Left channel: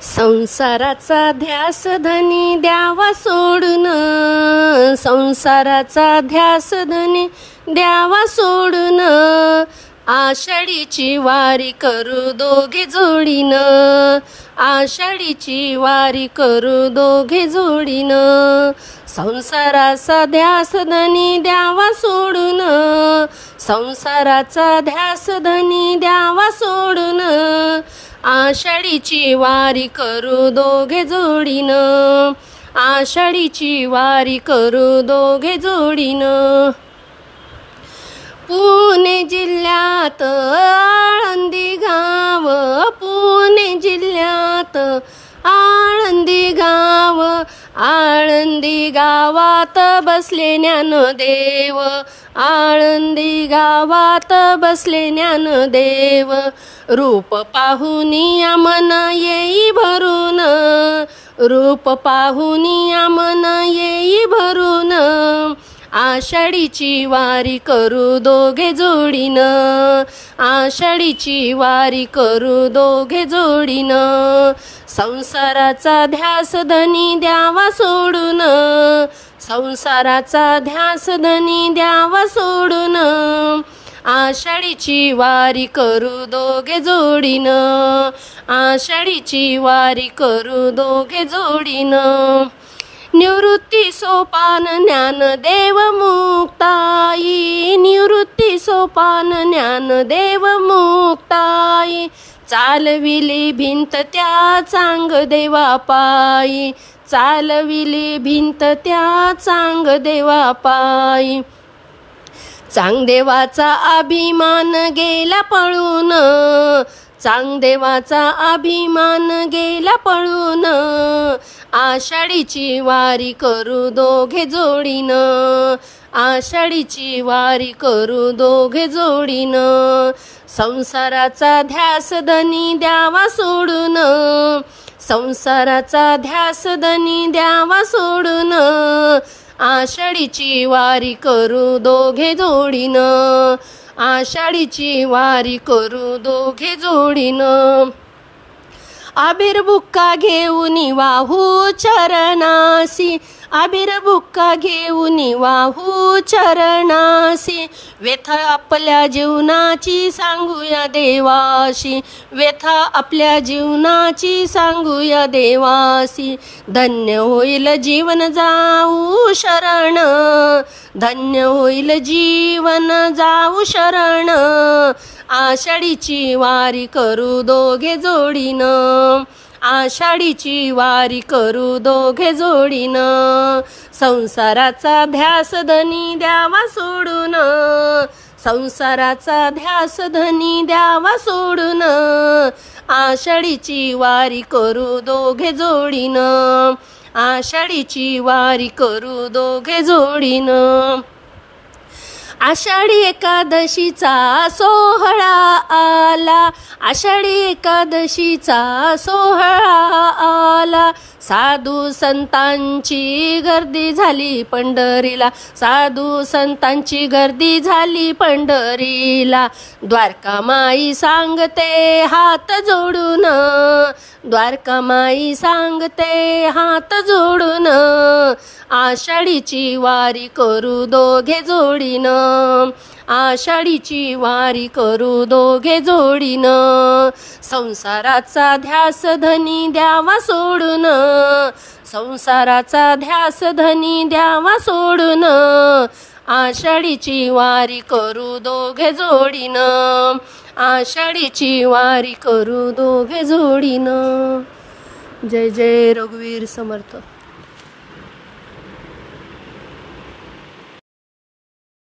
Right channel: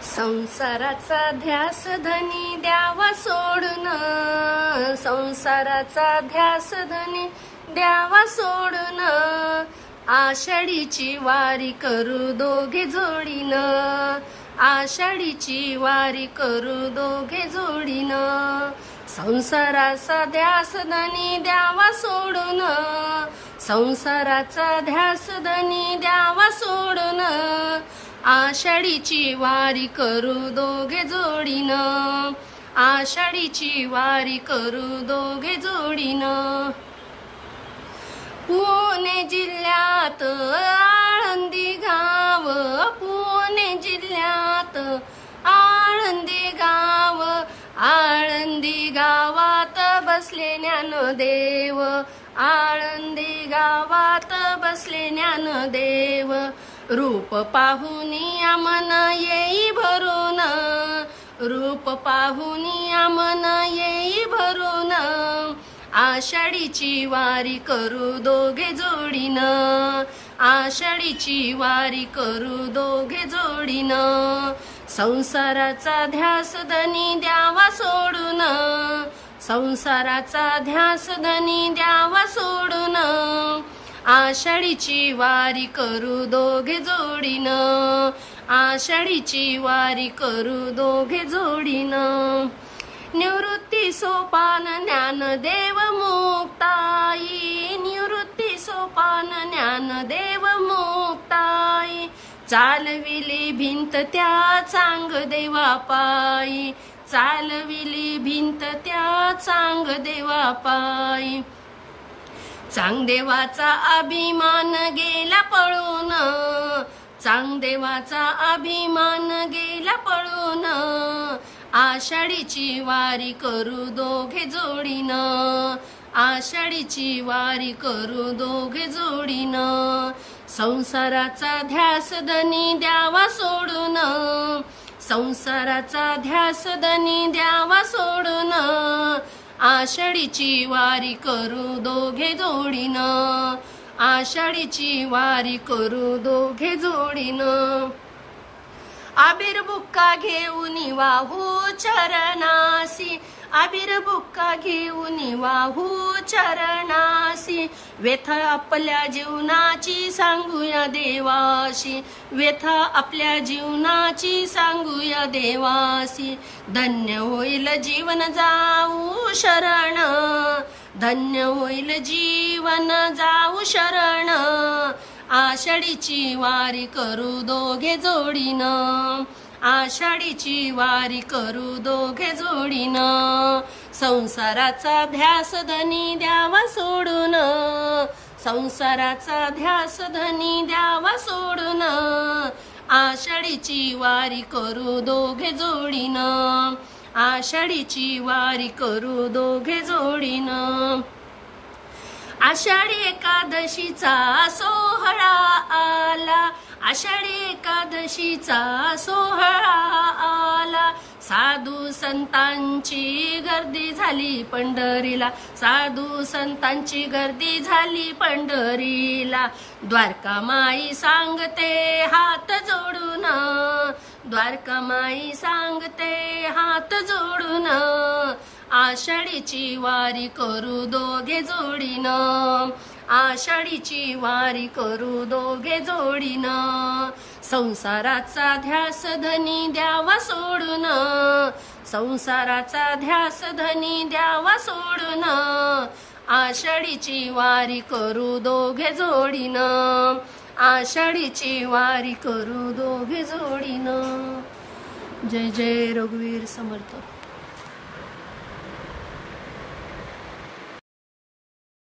संसाराचा ध्यास धनी द्यावा सोडून, संसाराचा ध्यास धनी द्यावा सोडून, आषाढीची वारी करू दोघे जोडीन, आषाढीची वारी करू दोघे जोडीन, संसाराचा ध्यास धनी द्यावा सोडून, संसाराचा ध्यास धनी द्यावा सोडून, आषाढीची वारी करू दोघे जोडीन, आषाढीची वारी करू दोघे जोडीन. पुणे जिल्ह्यात आळंदी गाव, पुणे जिल्ह्यात आळंदी गाव, आळंदी गावात बसले ज्ञानदेव, आळंदी गावात बसले ज्ञानदेव, रूप पाहुनिया मन येई भरून, रूप पाहुनिया मन येई भरून, आषाढीची वारी करू दोघे जोडीन, आषाढीची वारी करू दोघे जोडीन, संसाराचा ध्यास धनी द्यावा सोडून, संसाराचा ध्यास धनी द्यावा सोडून, आषाढीची वारी करू दोघे जोडीन, आषाढीची वारी करू दोघे जोडीन. निवृत्ती सोपान ज्ञानदेव मुक्ताई, निवृत्ती सोपान ज्ञानदेव मुक्ताई, चालविली भिंत त्या चांगदेवा पायी, चालविली भिंत त्या चांगदेवा पायी, चांगदेवाचा अभिमान गेला पळून, चांगदेवाचा अभिमान गेला पळून, आषाढीची वारी करू दोघे जोडीन, आषाढीची वारी करू दोघे जोडीन, संसाराचा ध्यास धनी द्यावा सोडून, संसाराचा ध्यास धनी द्यावा सोडून, आषाढीची वारी करू दोघे जोडीन, आषाढीची वारी करू दोघे जोडीन. अबीर बुक्का घेऊन वाहू चरणासी, अबीर बुक्का घेऊन वाहू चरणासी, व्यथा आपल्या जीवनाची सांगूया देवाशी, व्यथा आपल्या जीवनाची सांगूया देवासी, धन्य होईल जीवन जाऊ शरण, धन्य होईल जीवन जाऊ शरण, आषाढीची वारी करू दोघे जोडीन, आषाढीची वारी करू दोघे जोडीन, संसाराचा ध्यास धनी द्यावा सोडून, संसाराचा ध्यास धनी द्यावा सोडून, आषाढीची वारी करू दोघे जोडीन, आषाढीची वारी करू दोघे जोडीन. आषाढी एकादशीचा सोहळा आला, आषाढी एकादशीचा सोहळा आला, साधू संतांची गर्दी झाली पंढरीला, साधू संतांची गर्दी झाली पंढरीला, द्वारकामाई सांगते हात जोडून, द्वारकामाई सांगते हात जोडून, आषाढीची वारी करू दोघे जोडीन, आषाढीची वारी करू दोघे जोडीन, संसाराचा ध्यास धनी द्यावा सोडून, संसाराचा ध्यास धनी द्यावा सोडून, आषाढीची वारी करू दोघे जोडीन, आषाढीची वारी करू दोघे जोडीन. जय जय रघुवीर समर्थ.